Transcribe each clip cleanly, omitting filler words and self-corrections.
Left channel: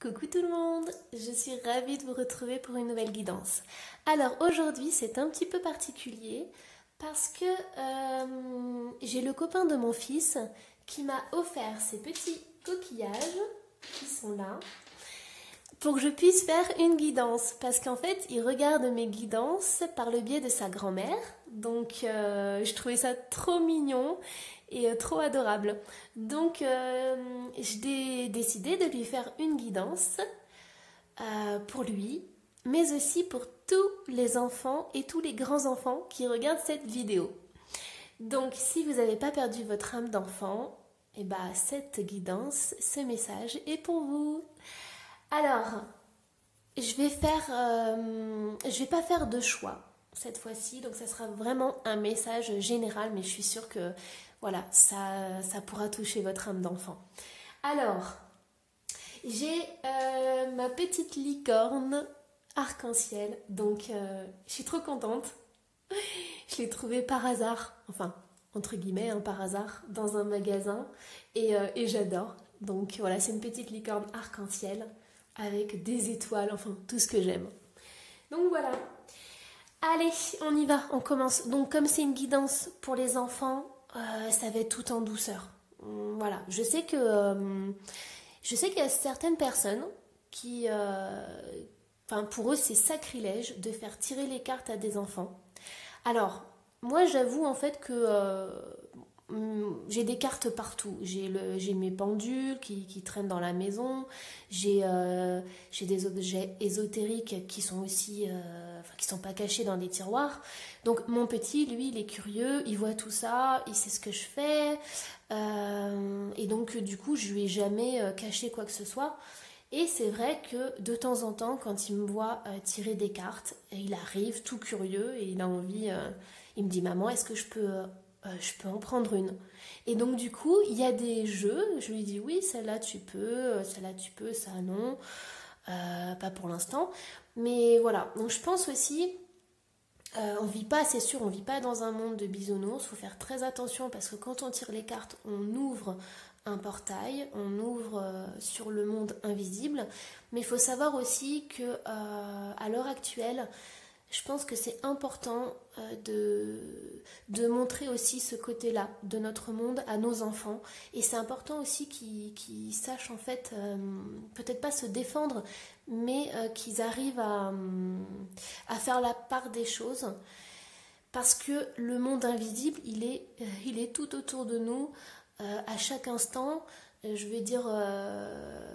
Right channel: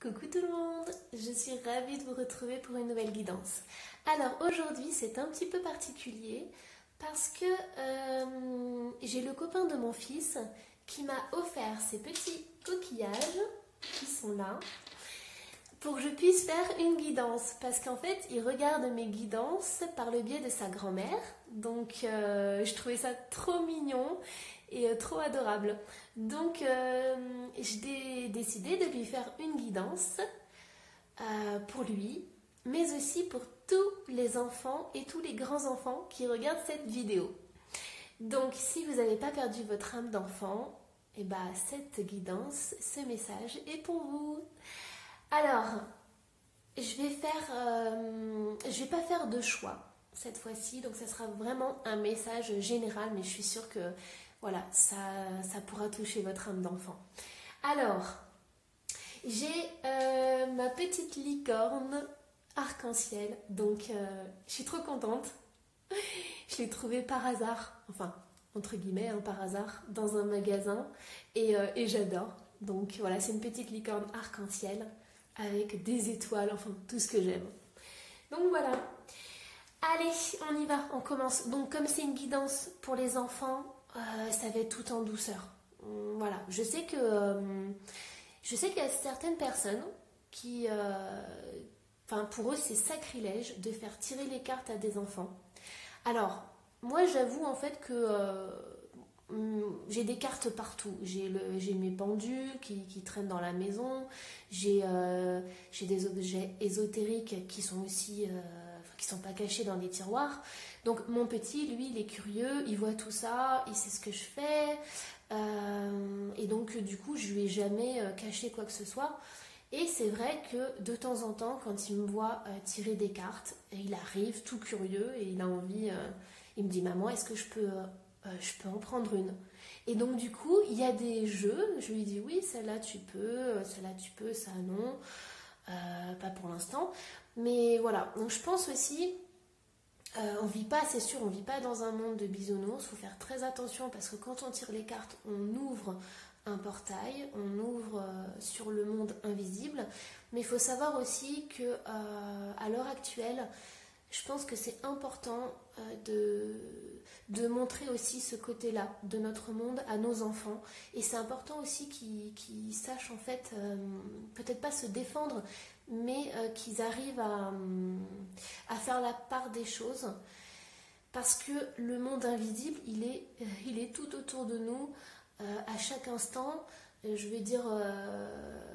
Coucou tout le monde, je suis ravie de vous retrouver pour une nouvelle guidance. Alors aujourd'hui c'est un petit peu particulier parce que j'ai le copain de mon fils qui m'a offert ces petits coquillages qui sont là pour que je puisse faire une guidance parce qu'en fait il regarde mes guidances par le biais de sa grand-mère, donc je trouvais ça trop mignon et trop adorable. Donc j'ai décidé de lui faire une guidance pour lui, mais aussi pour tous les enfants et tous les grands-enfants qui regardent cette vidéo. Donc si vous n'avez pas perdu votre âme d'enfant, et ben, cette guidance, ce message est pour vous. Alors, je vais pas faire de choix cette fois-ci, donc ça sera vraiment un message général, mais je suis sûre que voilà, ça pourra toucher votre âme d'enfant. Alors, j'ai ma petite licorne arc-en-ciel, donc je suis trop contente. Je l'ai trouvée par hasard, enfin, entre guillemets, hein, par hasard, dans un magasin, et j'adore. Donc voilà, c'est une petite licorne arc-en-ciel avec des étoiles, enfin, tout ce que j'aime. Donc voilà. Allez, on y va, on commence. Donc comme c'est une guidance pour les enfants, ça va être tout en douceur. Voilà, je sais qu'il y a certaines personnes qui, enfin pour eux c'est sacrilège de faire tirer les cartes à des enfants. Alors, moi j'avoue en fait que j'ai des cartes partout. J'ai mes pendules qui traînent dans la maison. J'ai des objets ésotériques qui sont aussi, qui sont pas cachés dans des tiroirs. Donc mon petit, lui, il est curieux, il voit tout ça, il sait ce que je fais. Et donc du coup, je lui ai jamais caché quoi que ce soit. Et c'est vrai que de temps en temps, quand il me voit tirer des cartes, il arrive tout curieux et il a envie, il me dit maman, est-ce que je peux en prendre une. Et donc du coup, il y a des jeux, je lui dis oui, celle-là tu peux, ça non, pas pour l'instant. Mais voilà, donc je pense aussi, on vit pas, c'est sûr, on vit pas dans un monde de bisounours, il faut faire très attention parce que quand on tire les cartes, on ouvre un portail, on ouvre sur le monde invisible. Mais il faut savoir aussi que à l'heure actuelle, je pense que c'est important de montrer aussi ce côté-là de notre monde à nos enfants. Et c'est important aussi qu'ils sachent en fait, peut-être pas se défendre, mais qu'ils arrivent à faire la part des choses. Parce que le monde invisible, il est tout autour de nous, à chaque instant. Je veux dire,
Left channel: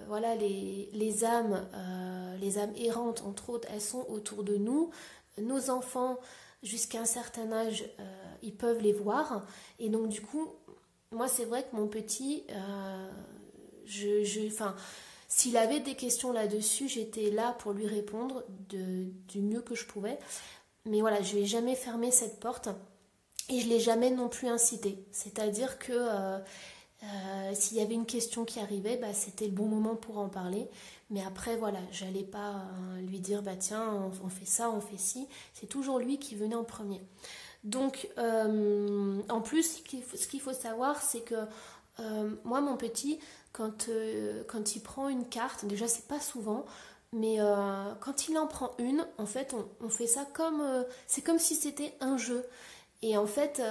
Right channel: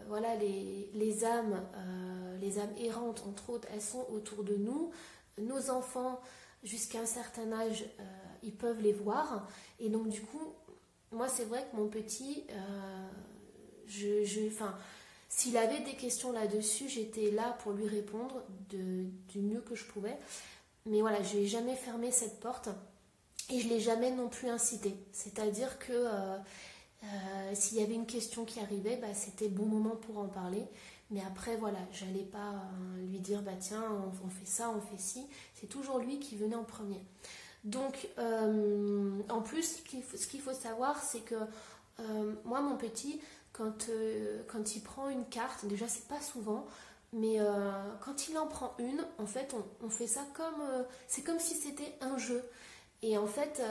voilà, les âmes errantes, entre autres, elles sont autour de nous. Nos enfants, jusqu'à un certain âge, ils peuvent les voir. Et donc, du coup, moi, c'est vrai que mon petit, s'il avait des questions là-dessus, j'étais là pour lui répondre du mieux que je pouvais. Mais voilà, je n'ai jamais fermé cette porte et je ne l'ai jamais non plus incité. C'est-à-dire que s'il y avait une question qui arrivait, bah, c'était le bon moment pour en parler. Mais après, voilà, j'allais pas lui dire, bah tiens, on fait ça, on fait ci. C'est toujours lui qui venait en premier. Donc, en plus, ce qu'il faut savoir, c'est que moi, mon petit, quand il prend une carte, déjà, c'est pas souvent, mais quand il en prend une, en fait, on fait ça comme... c'est comme si c'était un jeu. Et en fait,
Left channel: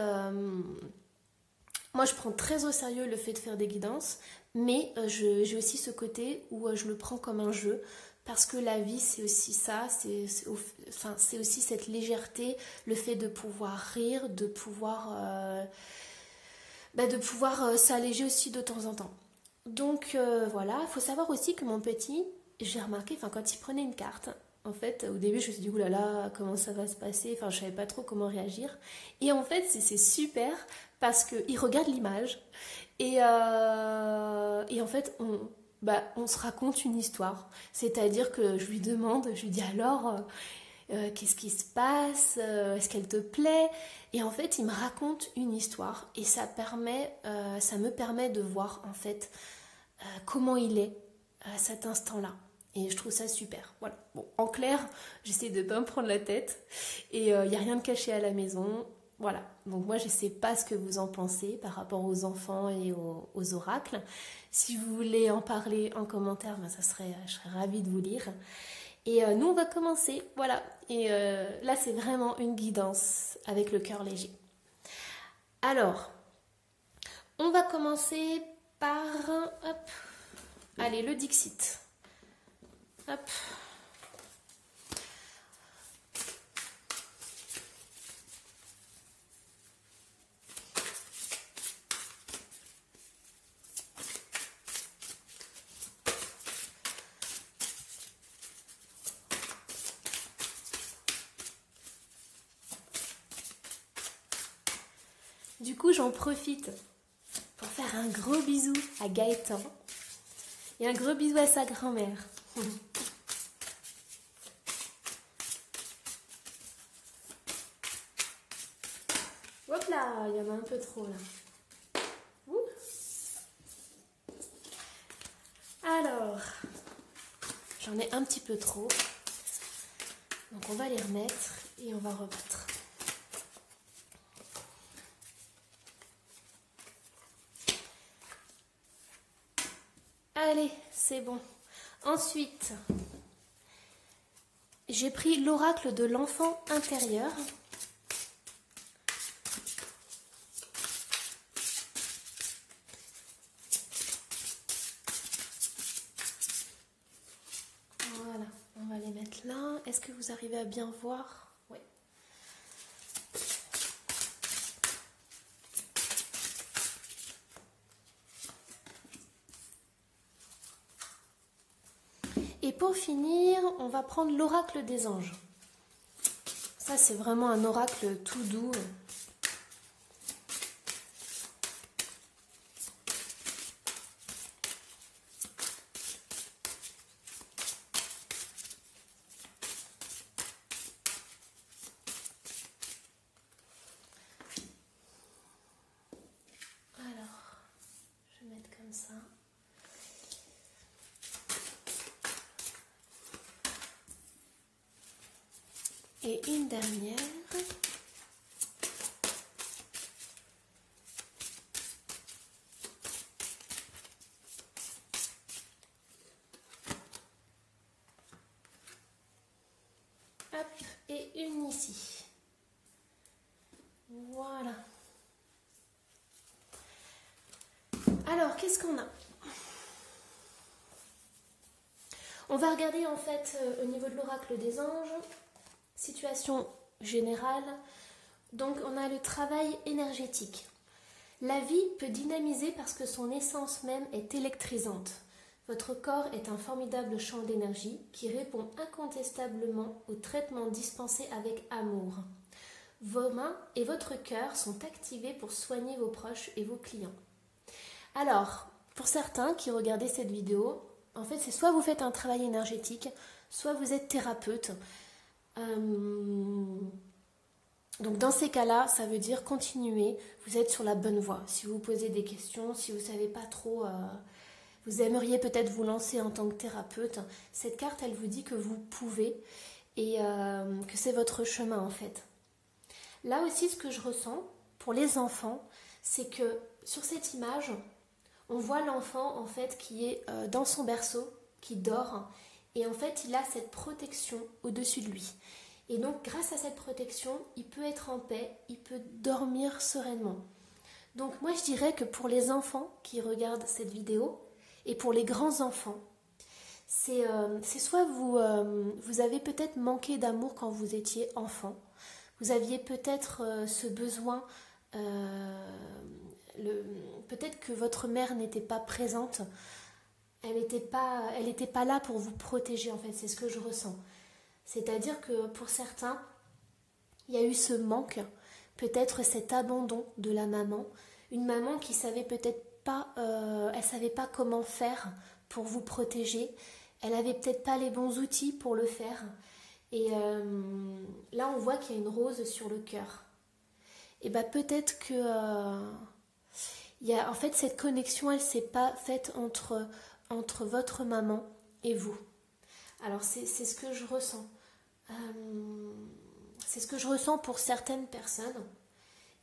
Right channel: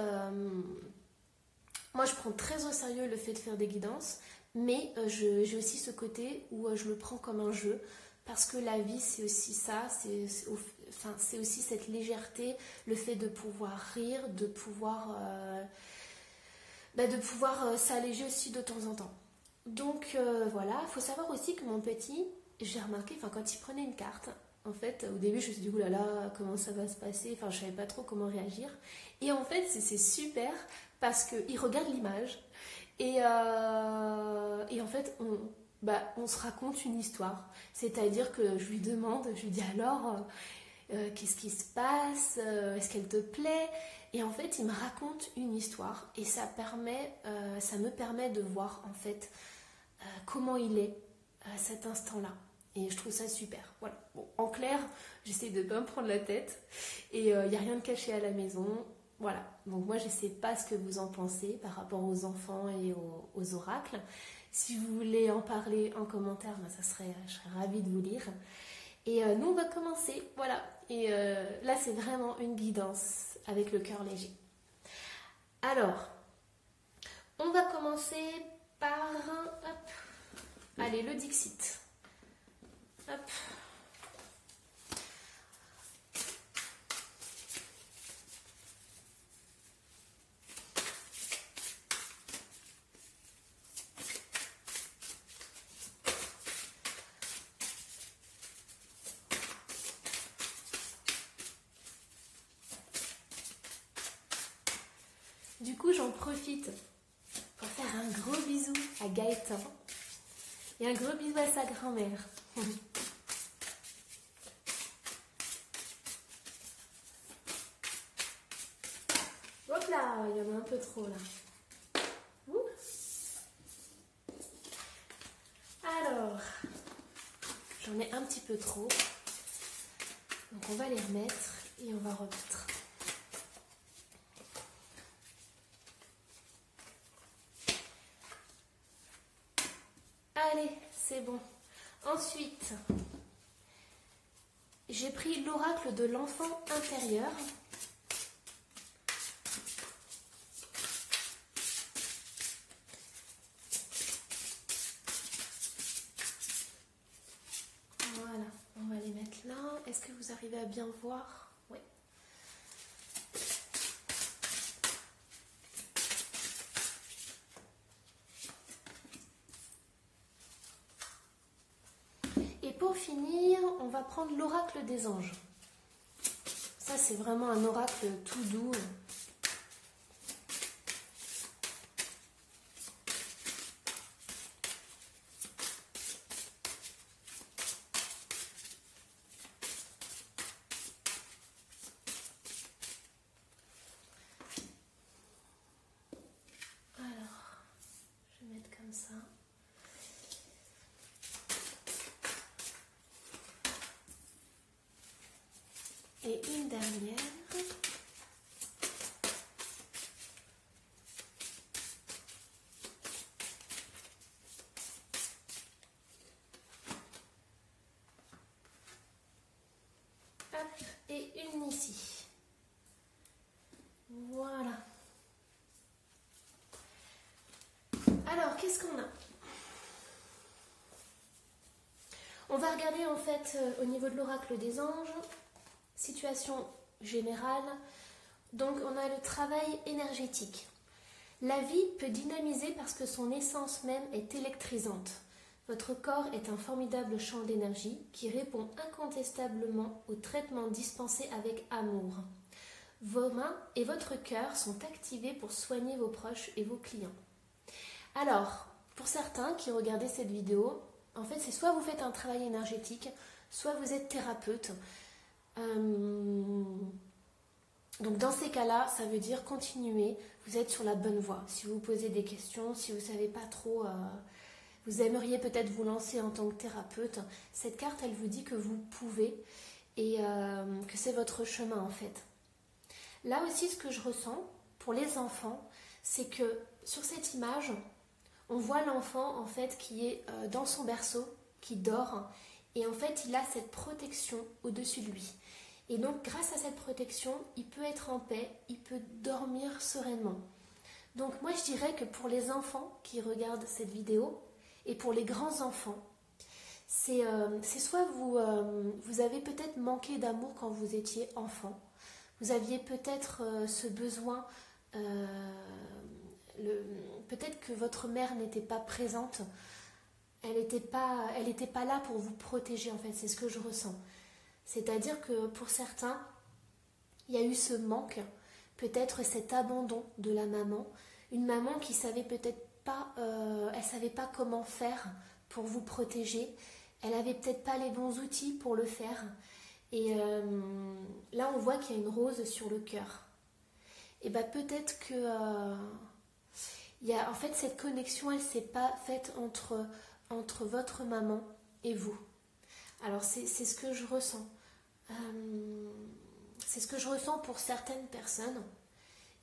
moi, je prends très au sérieux le fait de faire des guidances. Mais j'ai aussi ce côté où je le prends comme un jeu, parce que la vie, c'est aussi ça, c'est aussi cette légèreté, le fait de pouvoir rire, de pouvoir s'alléger aussi de temps en temps. Donc voilà, il faut savoir aussi que mon petit, j'ai remarqué, quand il prenait une carte, en fait, au début, je me suis dit, oulala, comment ça va se passer? Enfin, je savais pas trop comment réagir. Et en fait, c'est super, parce qu'il regarde l'image, et en fait, on se raconte une histoire. C'est-à-dire que je lui demande, je lui dis alors, qu'est-ce qui se passe? Est-ce qu'elle te plaît? Et en fait, il me raconte une histoire. Et ça me permet de voir, en fait, comment il est à cet instant-là. Et je trouve ça super. Voilà. Bon, en clair, j'essaie de ne pas me prendre la tête. Et il n'y a rien de caché à la maison. Voilà, donc moi je ne sais pas ce que vous en pensez par rapport aux enfants et aux oracles. Si vous voulez en parler en commentaire, ben, je serais ravie de vous lire. Et nous, on va commencer. Voilà. Et là, c'est vraiment une guidance avec le cœur léger. Alors, on va commencer par... Hop, allez, le Dixit. Hop. Du coup, j'en profite pour faire un gros bisou à Gaëtan et un gros bisou à sa grand-mère. Hop là, il y en a un peu trop là. Ouh. Alors, j'en ai un petit peu trop. Donc on va les remettre et on va remettre. Allez, c'est bon. Ensuite, j'ai pris l'oracle de l'enfant intérieur. Voilà, on va les mettre là. Est-ce que vous arrivez à bien voir? Oui. Et pour finir, on va prendre l'oracle des anges. Ça, c'est vraiment un oracle tout doux. Alors, je vais mettre comme ça. Et une dernière. Hop, et une ici. Voilà. Alors, qu'est-ce qu'on a? On va regarder en fait au niveau de l'oracle des anges. Situation générale, donc on a le travail énergétique. La vie peut dynamiser parce que son essence même est électrisante. Votre corps est un formidable champ d'énergie qui répond incontestablement aux traitements dispensés avec amour. Vos mains et votre cœur sont activés pour soigner vos proches et vos clients. Alors, pour certains qui regardaient cette vidéo, en fait c'est soit vous faites un travail énergétique, soit vous êtes thérapeute. Donc dans ces cas-là, ça veut dire continuer, vous êtes sur la bonne voie. Si vous posez des questions, si vous ne savez pas trop, vous aimeriez peut-être vous lancer en tant que thérapeute, cette carte, elle vous dit que vous pouvez et que c'est votre chemin en fait. Là aussi, ce que je ressens pour les enfants, c'est que sur cette image, on voit l'enfant en fait qui est dans son berceau, qui dort, et en fait il a cette protection au-dessus de lui. Et donc grâce à cette protection, il peut être en paix, il peut dormir sereinement. Donc moi je dirais que pour les enfants qui regardent cette vidéo, et pour les grands enfants, c'est soit vous avez peut-être manqué d'amour quand vous étiez enfant, vous aviez peut-être ce besoin, peut-être que votre mère n'était pas présente, elle n'était pas là pour vous protéger en fait, c'est ce que je ressens. C'est-à-dire que pour certains, il y a eu ce manque, peut-être cet abandon de la maman, une maman qui savait peut-être pas, elle savait pas comment faire pour vous protéger, elle avait peut-être pas les bons outils pour le faire. Et là, on voit qu'il y a une rose sur le cœur. Et bien peut-être que en fait cette connexion, elle s'est pas faite entre votre maman et vous. Alors c'est ce que je ressens. C'est ce que je ressens pour certaines personnes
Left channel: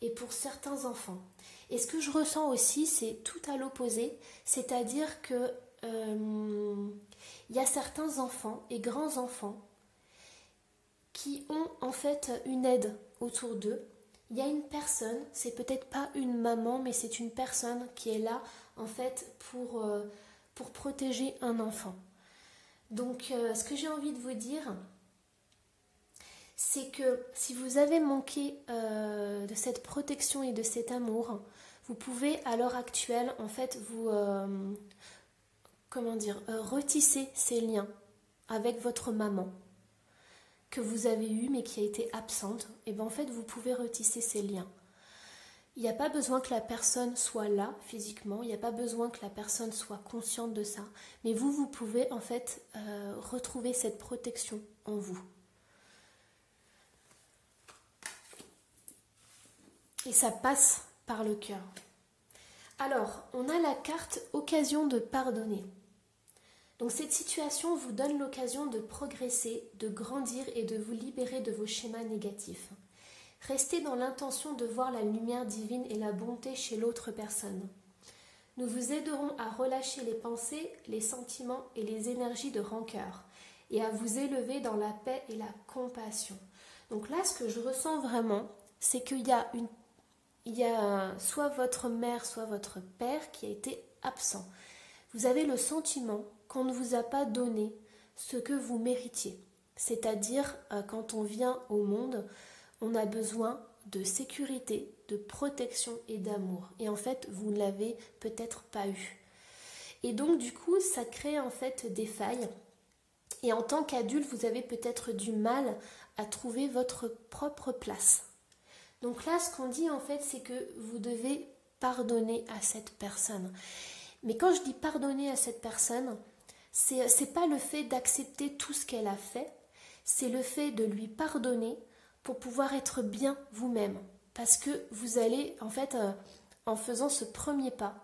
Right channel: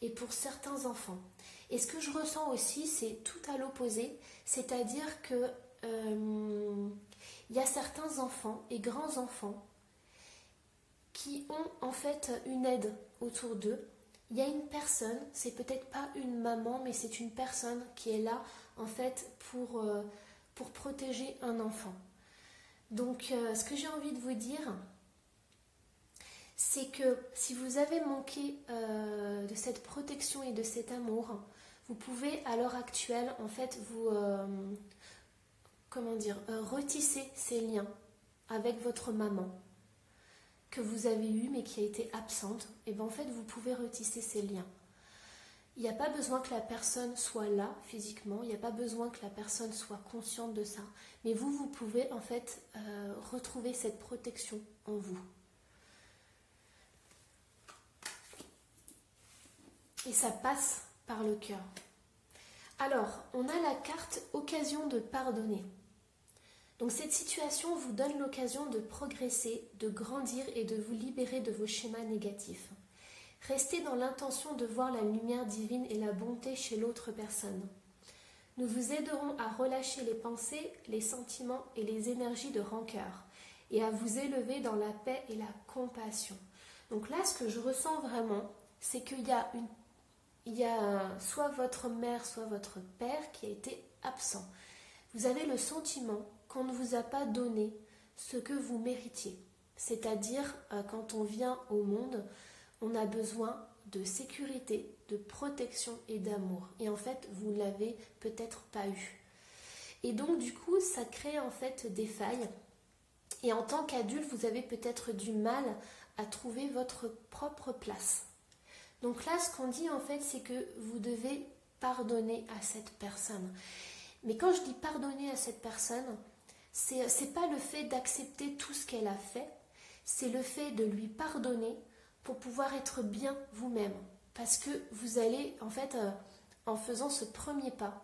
et pour certains enfants. Et ce que je ressens aussi, c'est tout à l'opposé, c'est-à-dire que il y a certains enfants et grands-enfants qui ont en fait une aide autour d'eux. Il y a une personne, c'est peut-être pas une maman, mais c'est une personne qui est là en fait pour protéger un enfant. Donc ce que j'ai envie de vous dire, c'est que si vous avez manqué de cette protection et de cet amour, vous pouvez à l'heure actuelle en fait vous retisser ces liens avec votre maman que vous avez eu mais qui a été absente. Et bien en fait vous pouvez retisser ces liens. Il n'y a pas besoin que la personne soit là physiquement, il n'y a pas besoin que la personne soit consciente de ça, mais vous pouvez en fait retrouver cette protection en vous. Et ça passe par le cœur. Alors, on a la carte occasion de pardonner. Donc cette situation vous donne l'occasion de progresser, de grandir et de vous libérer de vos schémas négatifs. Restez dans l'intention de voir la lumière divine et la bonté chez l'autre personne. Nous vous aiderons à relâcher les pensées, les sentiments et les énergies de rancœur et à vous élever dans la paix et la compassion. Donc là, ce que je ressens vraiment, c'est qu'il y a soit votre mère, soit votre père qui a été absent. Vous avez le sentiment qu'on ne vous a pas donné ce que vous méritiez. C'est-à-dire, quand on vient au monde, on a besoin de sécurité, de protection et d'amour. Et en fait, vous ne l'avez peut-être pas eu. Et donc, du coup, ça crée en fait des failles. Et en tant qu'adulte, vous avez peut-être du mal à trouver votre propre place. Donc là, ce qu'on dit en fait, c'est que vous devez pardonner à cette personne. Mais quand je dis pardonner à cette personne, c'est pas le fait d'accepter tout ce qu'elle a fait, c'est le fait de lui pardonner pour pouvoir être bien vous-même. Parce que vous allez, en fait, en faisant ce premier pas,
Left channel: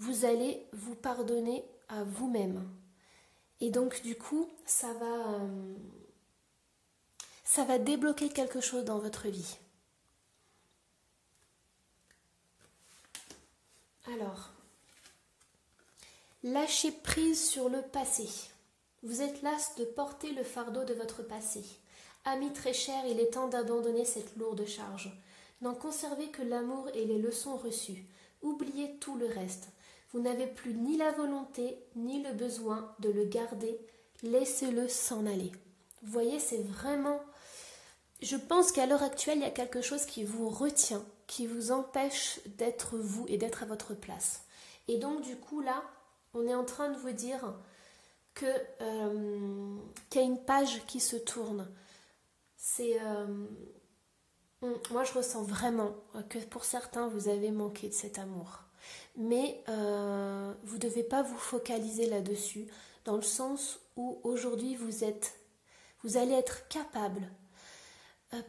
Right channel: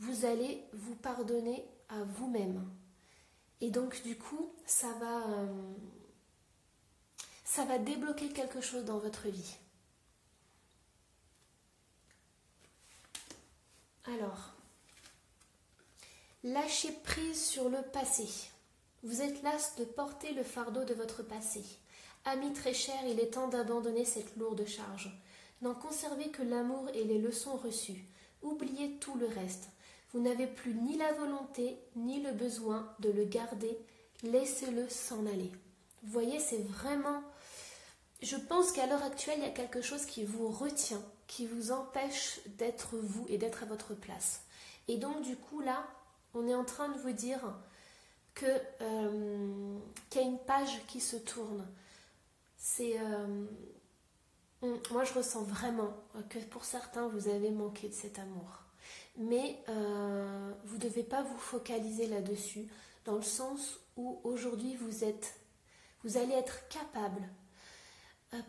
vous allez vous pardonner à vous-même. Et donc, du coup, ça va débloquer quelque chose dans votre vie. Alors, lâchez prise sur le passé. Vous êtes las de porter le fardeau de votre passé. Amis très chers, il est temps d'abandonner cette lourde charge. N'en conservez que l'amour et les leçons reçues. Oubliez tout le reste. Vous n'avez plus ni la volonté, ni le besoin de le garder. Laissez-le s'en aller. Vous voyez, c'est vraiment... Je pense qu'à l'heure actuelle, il y a quelque chose qui vous retient, qui vous empêche d'être vous et d'être à votre place. Et donc, du coup, là, on est en train de vous dire qu'il y a une page qui se tourne. Moi, je ressens vraiment que pour certains, vous avez manqué de cet amour. Mais vous ne devez pas vous focaliser là-dessus, dans le sens où aujourd'hui, vous allez être capable,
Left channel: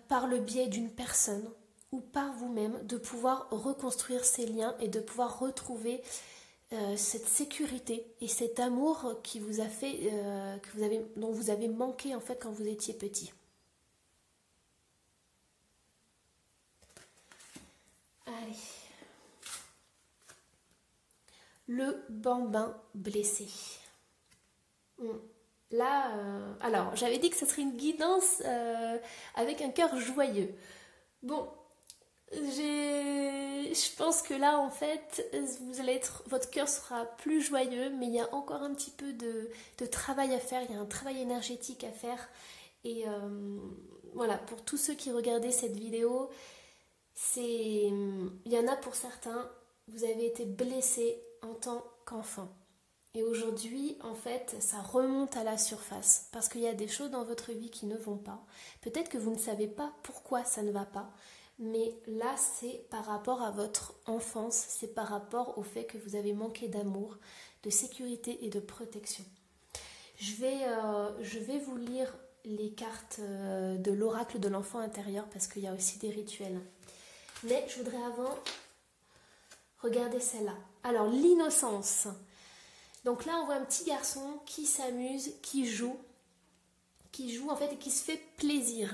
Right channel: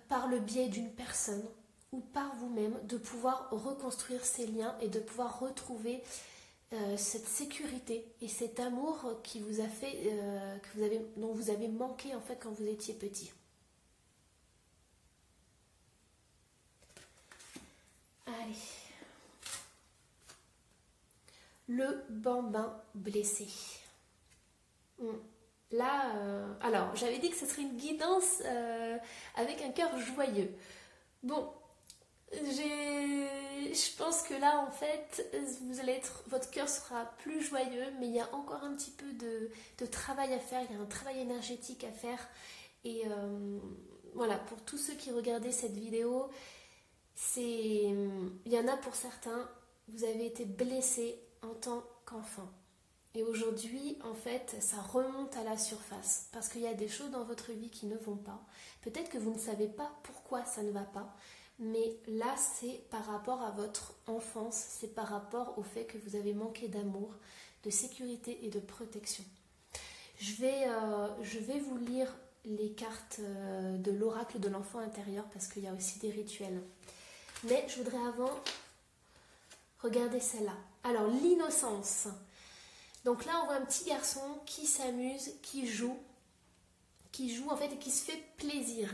par le biais d'une personne ou par vous-même, de pouvoir reconstruire ces liens et de pouvoir retrouver cette sécurité et cet amour qui vous a fait, dont vous avez manqué en fait quand vous étiez petit. Allez. Le bambin blessé. Là, alors, j'avais dit que ce serait une guidance avec un cœur joyeux. Bon, je pense que là, en fait, votre cœur sera plus joyeux, mais il y a encore un petit peu de travail à faire, il y a un travail énergétique à faire. Et voilà, pour tous ceux qui regardaient cette vidéo, il y en a pour certains, vous avez été blessés en tant qu'enfant. Et aujourd'hui, en fait, ça remonte à la surface parce qu'il y a des choses dans votre vie qui ne vont pas. Peut-être que vous ne savez pas pourquoi ça ne va pas, mais là, c'est par rapport à votre enfance, c'est par rapport au fait que vous avez manqué d'amour, de sécurité et de protection. Je vais vous lire les cartes de l'oracle de l'enfant intérieur parce qu'il y a aussi des rituels. Mais je voudrais avant regarder celle-là. Alors, l'innocence. Donc là, on voit un petit garçon qui s'amuse, qui joue en fait et qui se fait plaisir.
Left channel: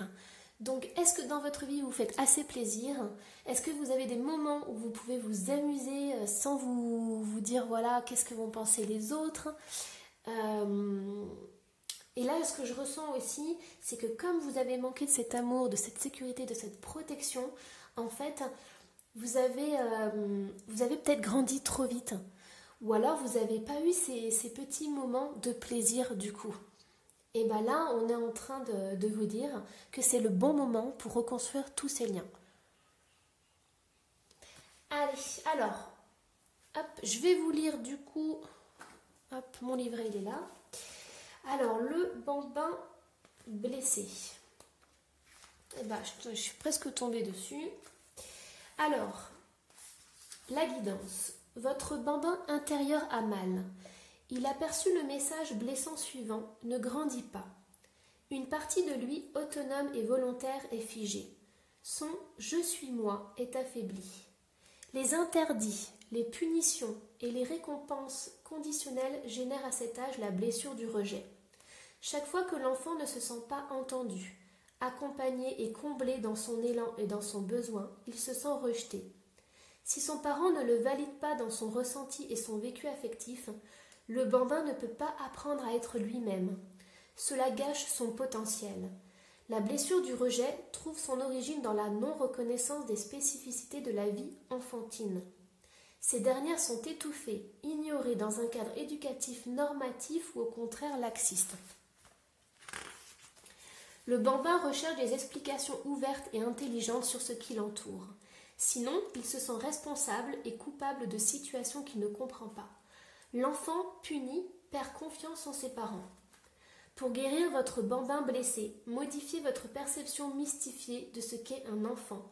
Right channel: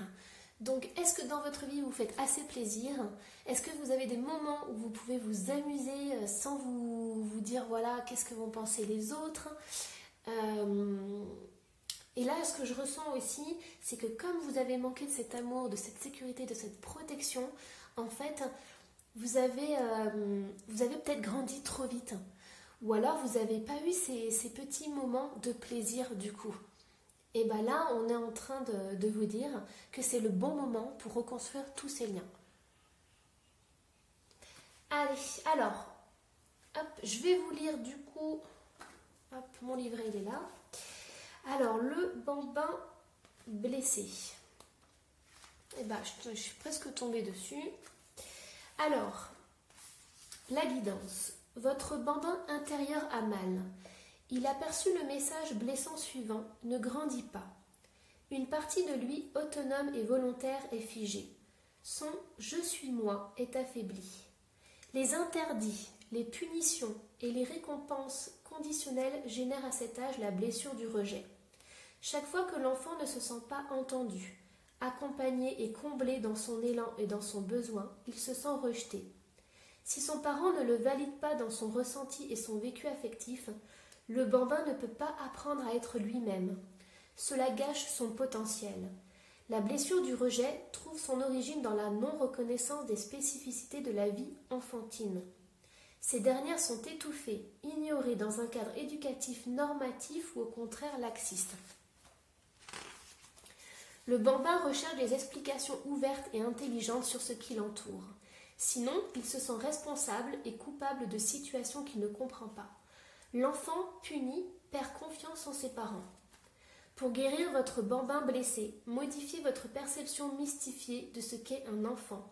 Donc, est-ce que dans votre vie, vous faites assez plaisir? Est-ce que vous avez des moments où vous pouvez vous amuser sans vous dire, voilà, qu'est-ce que vont penser les autres? Et là, ce que je ressens aussi, c'est que comme vous avez manqué de cet amour, de cette sécurité, de cette protection, en fait, vous avez peut-être grandi trop vite. Ou alors, vous n'avez pas eu ces petits moments de plaisir du coup. Et bien là, on est en train de vous dire que c'est le bon moment pour reconstruire tous ces liens. Allez, alors, hop, je vais vous lire du coup, hop, mon livret il est là. Alors, le bambin blessé. Eh ben, je suis presque tombée dessus. Alors, la guidance. Votre bambin intérieur a mal. Il a perçu le message blessant suivant, ne grandis pas. Une partie de lui, autonome et volontaire, est figée. Son « je suis moi » est affaibli. Les interdits, les punitions et les récompenses conditionnelles génèrent à cet âge la blessure du rejet. Chaque fois que l'enfant ne se sent pas entendu, accompagné et comblé dans son élan et dans son besoin, il se sent rejeté. Si son parent ne le valide pas dans son ressenti et son vécu affectif, le bambin ne peut pas apprendre à être lui-même. Cela gâche son potentiel. La blessure du rejet trouve son origine dans la non-reconnaissance des spécificités de la vie enfantine. Ces dernières sont étouffées, ignorées dans un cadre éducatif normatif ou au contraire laxiste. Le bambin recherche des explications ouvertes et intelligentes sur ce qui l'entoure. Sinon, il se sent responsable et coupable de situations qu'il ne comprend pas. L'enfant puni perd confiance en ses parents. Pour guérir votre bambin blessé, modifiez votre perception mystifiée de ce qu'est un enfant.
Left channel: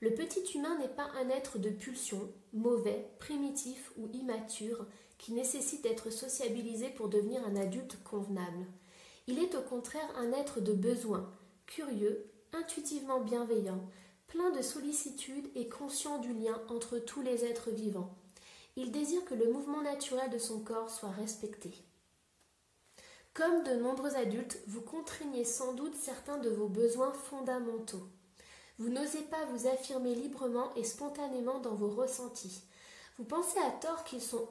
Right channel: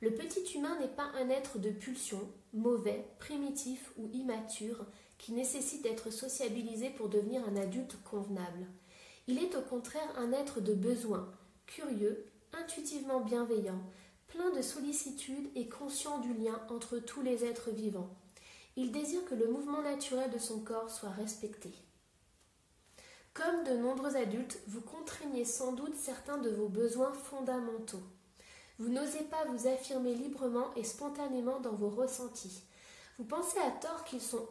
Le petit humain n'est pas un être de pulsion, mauvais, primitif ou immature, qui nécessite d'être sociabilisé pour devenir un adulte convenable. Il est au contraire un être de besoin, curieux, intuitivement bienveillant, plein de sollicitude et conscient du lien entre tous les êtres vivants. Il désire que le mouvement naturel de son corps soit respecté. Comme de nombreux adultes, vous contraignez sans doute certains de vos besoins fondamentaux. Vous n'osez pas vous affirmer librement et spontanément dans vos ressentis. Vous pensez à tort qu'ils sont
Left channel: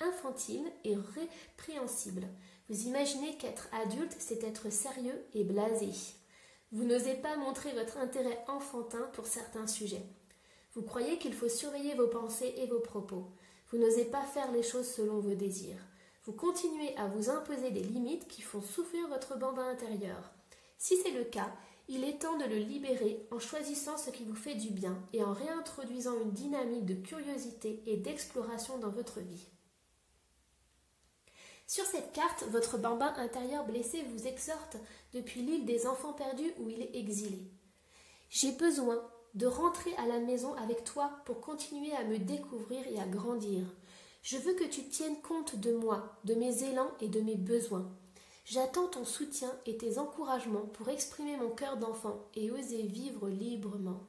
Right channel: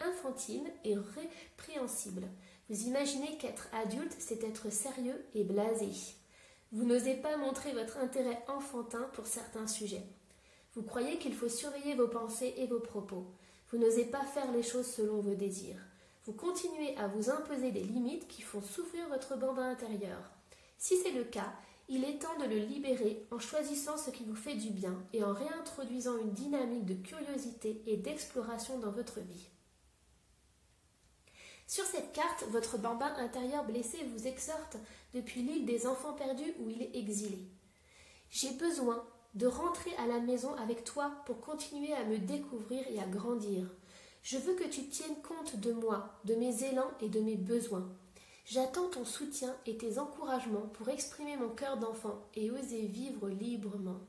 infantiles et répréhensibles. Vous imaginez qu'être adulte, c'est être sérieux et blasé. Vous n'osez pas montrer votre intérêt enfantin pour certains sujets. Vous croyez qu'il faut surveiller vos pensées et vos propos. Vous n'osez pas faire les choses selon vos désirs. Vous continuez à vous imposer des limites qui font souffrir votre bambin intérieur. Si c'est le cas, il est temps de le libérer en choisissant ce qui vous fait du bien et en réintroduisant une dynamique de curiosité et d'exploration dans votre vie. Sur cette carte, votre bambin intérieur blessé vous exhorte depuis l'île des enfants perdus où il est exilé. J'ai besoin de rentrer à la maison avec toi pour continuer à me découvrir et à grandir. Je veux que tu tiennes compte de moi, de mes élans et de mes besoins. J'attends ton soutien et tes encouragements pour exprimer mon cœur d'enfant et oser vivre librement.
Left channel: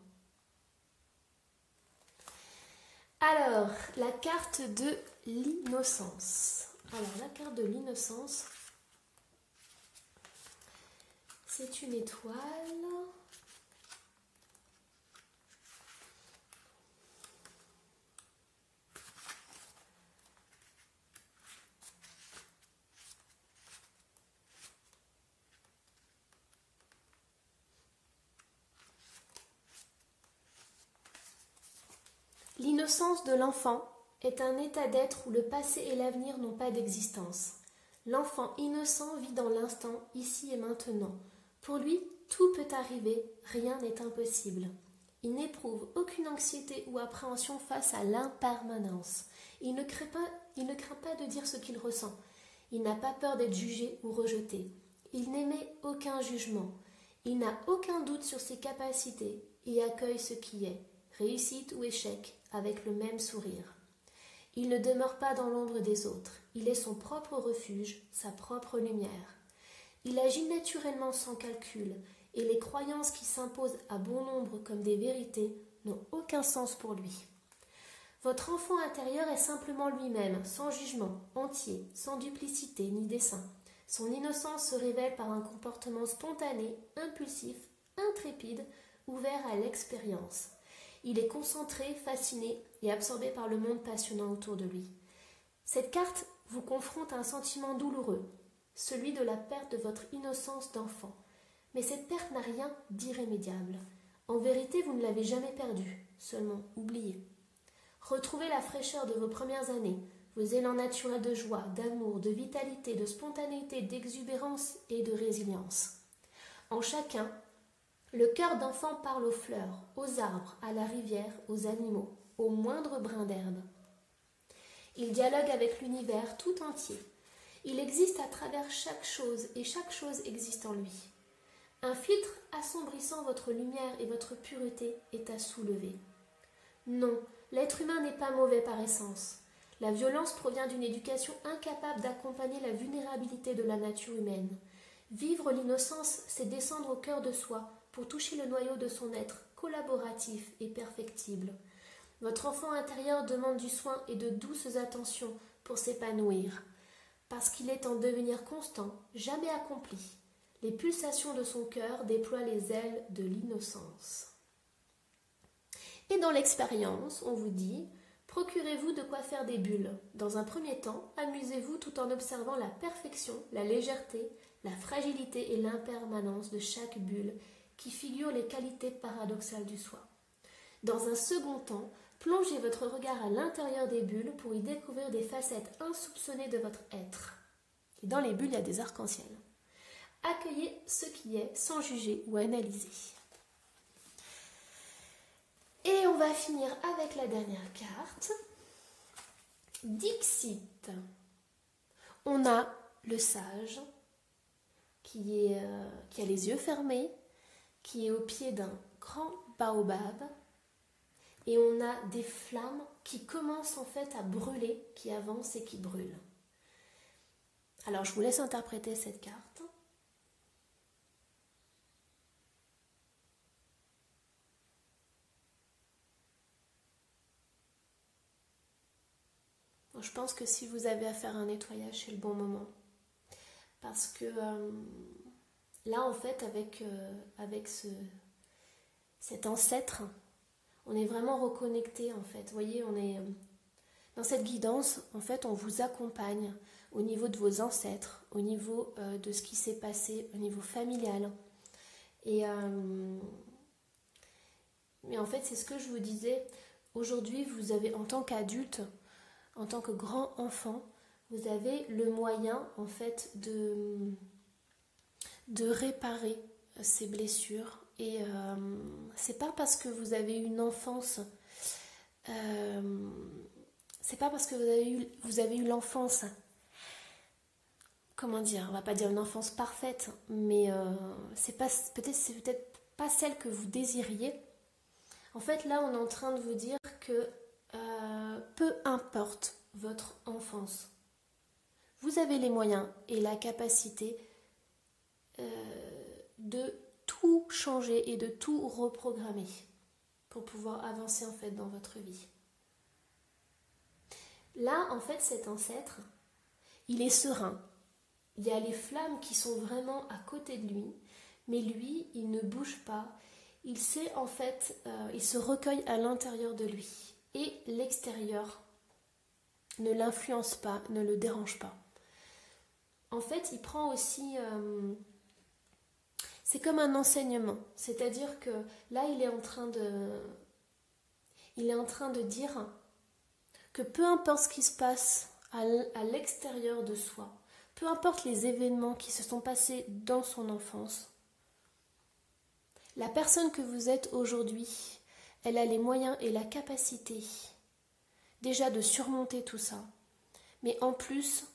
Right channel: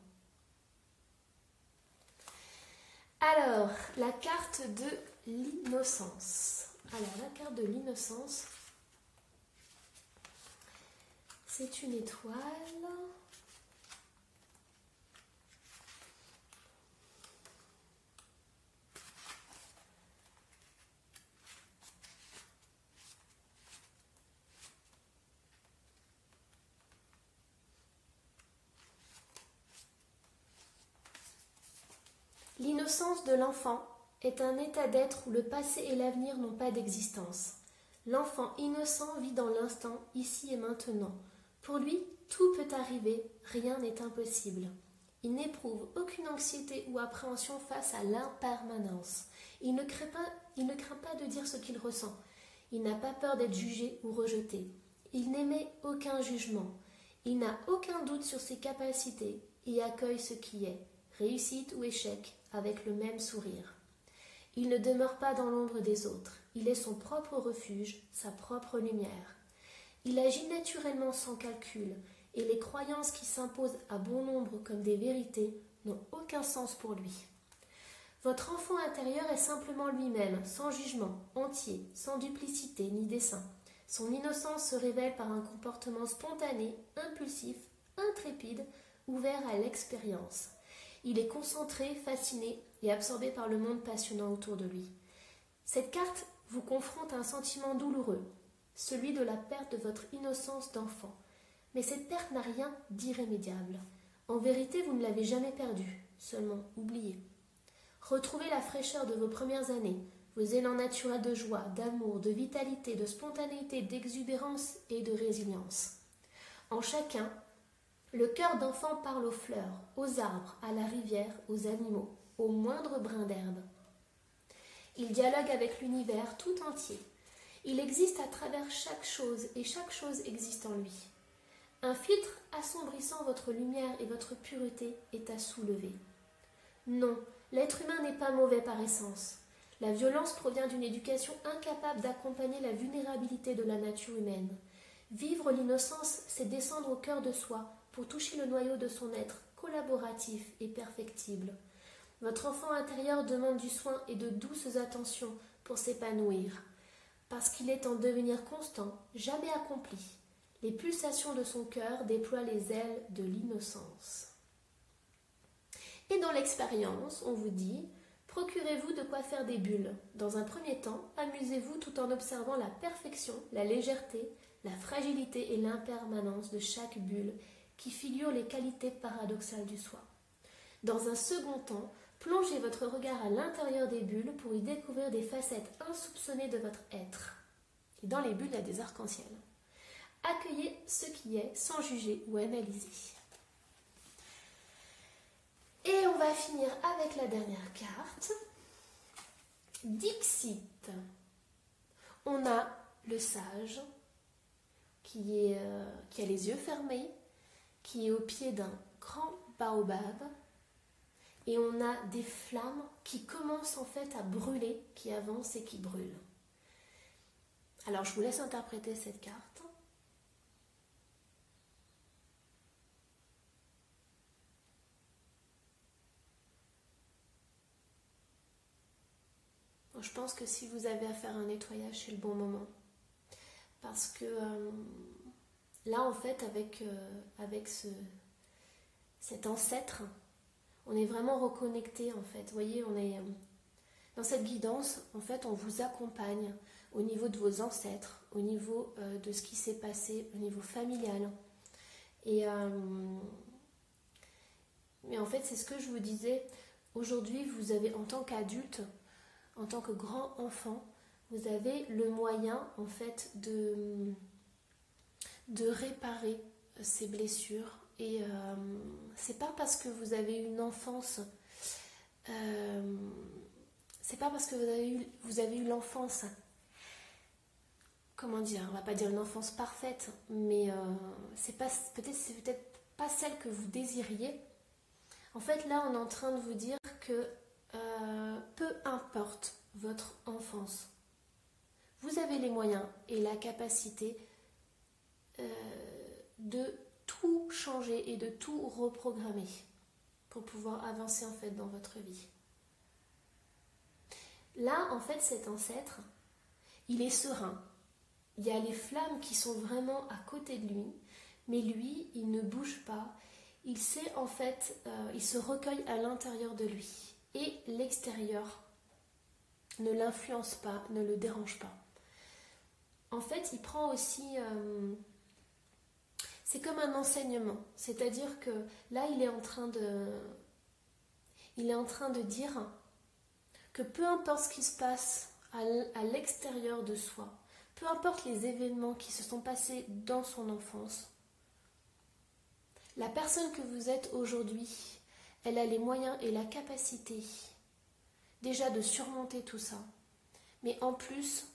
Alors, la carte de l'innocence. Alors, la carte de l'innocence, c'est une étoile. L'innocence de l'enfant est un état d'être où le passé et l'avenir n'ont pas d'existence. L'enfant innocent vit dans l'instant, ici et maintenant. Pour lui, tout peut arriver, rien n'est impossible. Il n'éprouve aucune anxiété ou appréhension face à l'impermanence. Il ne craint pas de dire ce qu'il ressent. Il n'a pas peur d'être jugé ou rejeté. Il n'émet aucun jugement. Il n'a aucun doute sur ses capacités et accueille ce qui est, réussite ou échec, avec le même sourire. Il ne demeure pas dans l'ombre des autres. Il est son propre refuge, sa propre lumière. Il agit naturellement sans calcul, et les croyances qui s'imposent à bon nombre comme des vérités n'ont aucun sens pour lui. Votre enfant intérieur est simplement lui-même, sans jugement, entier, sans duplicité ni dessein. Son innocence se révèle par un comportement spontané, impulsif, intrépide, ouvert à l'expérience. Il est concentré, fasciné et absorbé par le monde passionnant autour de lui. Cette carte vous confronte à un sentiment douloureux, celui de la perte de votre innocence d'enfant. Mais cette perte n'a rien d'irrémédiable. En vérité, vous ne l'avez jamais perdue, seulement oubliée. Retrouvez la fraîcheur de vos premières années, vos élans naturels de joie, d'amour, de vitalité, de spontanéité, d'exubérance et de résilience. En chacun, le cœur d'enfant parle aux fleurs, aux arbres, à la rivière, aux animaux, au moindre brin d'herbe. Il dialogue avec l'univers tout entier. Il existe à travers chaque chose et chaque chose existe en lui. Un filtre assombrissant votre lumière et votre pureté est à soulever. Non, l'être humain n'est pas mauvais par essence. La violence provient d'une éducation incapable d'accompagner la vulnérabilité de la nature humaine. Vivre l'innocence, c'est descendre au cœur de soi pour toucher le noyau de son être collaboratif et perfectible. Votre enfant intérieur demande du soin et de douces attentions pour s'épanouir, parce qu'il est en devenir constant, jamais accompli. Les pulsations de son cœur déploient les ailes de l'innocence. Et dans l'expérience, on vous dit, procurez-vous de quoi faire des bulles. Dans un premier temps, amusez-vous tout en observant la perfection, la légèreté, la fragilité et l'impermanence de chaque bulle qui figure les qualités paradoxales du soi. Dans un second temps, plongez votre regard à l'intérieur des bulles pour y découvrir des facettes insoupçonnées de votre être. Et dans les bulles, il y a des arcs-en-ciel. Accueillez ce qui est sans juger ou analyser. Et on va finir avec la dernière carte. Dixit. On a le sage qui a les yeux fermés, qui est au pied d'un grand baobab. Et on a des flammes qui commencent en fait à brûler, qui avancent et qui brûlent. Alors je vous laisse interpréter cette carte. Je pense que si vous avez à faire un nettoyage, c'est le bon moment. Parce que là, en fait, avec cet ancêtre, on est vraiment reconnecté, en fait. Vous voyez, on est dans cette guidance, en fait, on vous accompagne au niveau de vos ancêtres, au niveau de ce qui s'est passé, au niveau familial. Mais en fait, c'est ce que je vous disais. Aujourd'hui, vous avez, en tant qu'adulte, en tant que grand enfant, vous avez le moyen, en fait, de réparer ces blessures. Et c'est pas parce que vous avez eu une enfance, c'est pas parce que vous avez eu l'enfance, comment dire, on va pas dire une enfance parfaite, mais c'est peut-être pas celle que vous désiriez. En fait, là, on est en train de vous dire que peu importe votre enfance, vous avez les moyens et la capacité de tout changer et de tout reprogrammer pour pouvoir avancer en fait dans votre vie. Là, en fait, cet ancêtre, il est serein. Il y a les flammes qui sont vraiment à côté de lui, mais lui, il ne bouge pas. Il sait en fait, il se recueille à l'intérieur de lui. Et l'extérieur ne l'influence pas, ne le dérange pas. En fait, il prend aussi... c'est comme un enseignement. C'est-à-dire que là, il est en train de dire que peu importe ce qui se passe à l'extérieur de soi, peu importe les événements qui se sont passés dans son enfance, la personne que vous êtes aujourd'hui, elle a les moyens et la capacité déjà de surmonter tout ça, mais en plus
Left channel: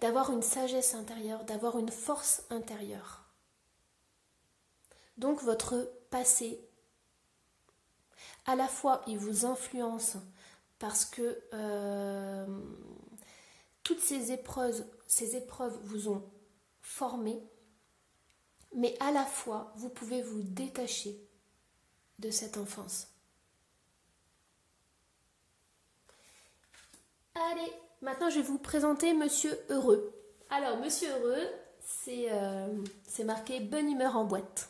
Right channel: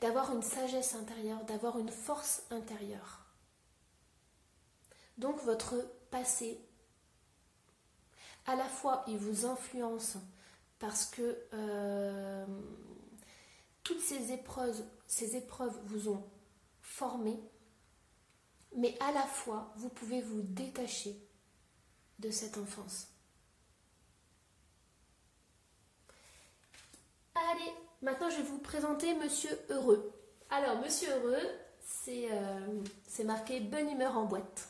d'avoir une sagesse intérieure, d'avoir une force intérieure. Donc votre passé, à la fois il vous influence parce que toutes ces épreuves vous ont formé, mais à la fois vous pouvez vous détacher de cette enfance. Allez, maintenant je vais vous présenter Monsieur Heureux. Alors Monsieur Heureux, c'est marqué bonne humeur en boîte.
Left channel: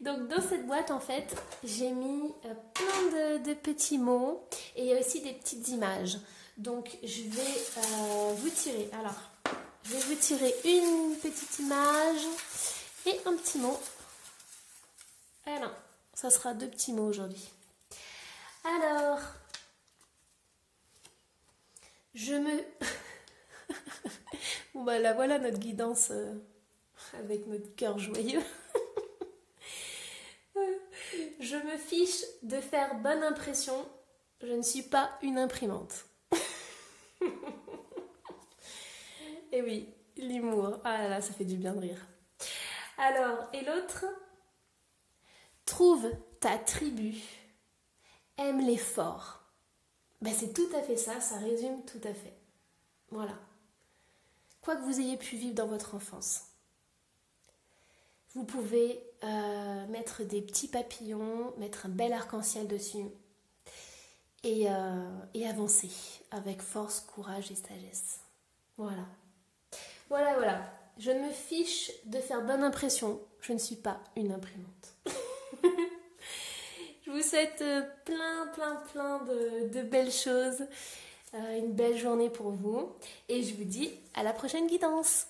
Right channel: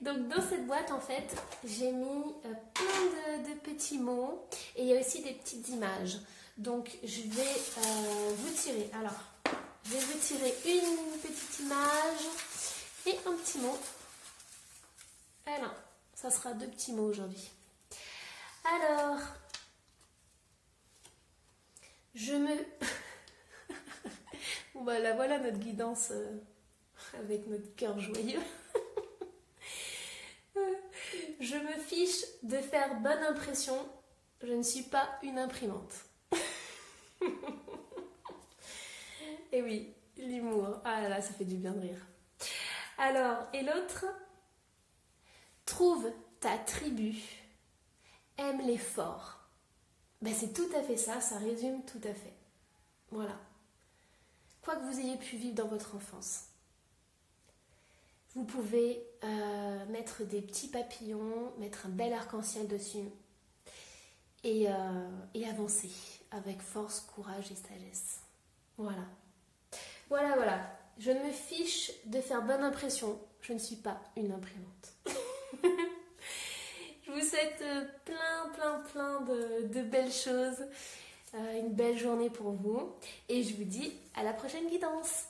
Donc dans cette boîte en fait j'ai mis plein de petits mots et il y a aussi des petites images. Donc je vais vous tirer. Alors je vais vous tirer une petite image et un petit mot. Alors ça sera 2 petits mots aujourd'hui. Alors je me... Bon bah là voilà notre guidance avec notre cœur joyeux. Je me fiche de faire bonne impression, je ne suis pas une imprimante. Et oui, l'humour, ah là là, ça fait du bien de rire. Alors, et l'autre? Trouve ta tribu, aime les forts. Ben, c'est tout à fait ça, ça résume tout à fait. Voilà. Quoi que vous ayez pu vivre dans votre enfance. Vous pouvez mettre des petits papillons, mettre un bel arc-en-ciel dessus et avancer avec force, courage et sagesse. Voilà. Voilà, voilà. Je me fiche de faire bonne impression. Je ne suis pas une imprimante. Je vous souhaite plein de belles choses. Une belle journée pour vous. Et je vous dis à la prochaine guidance.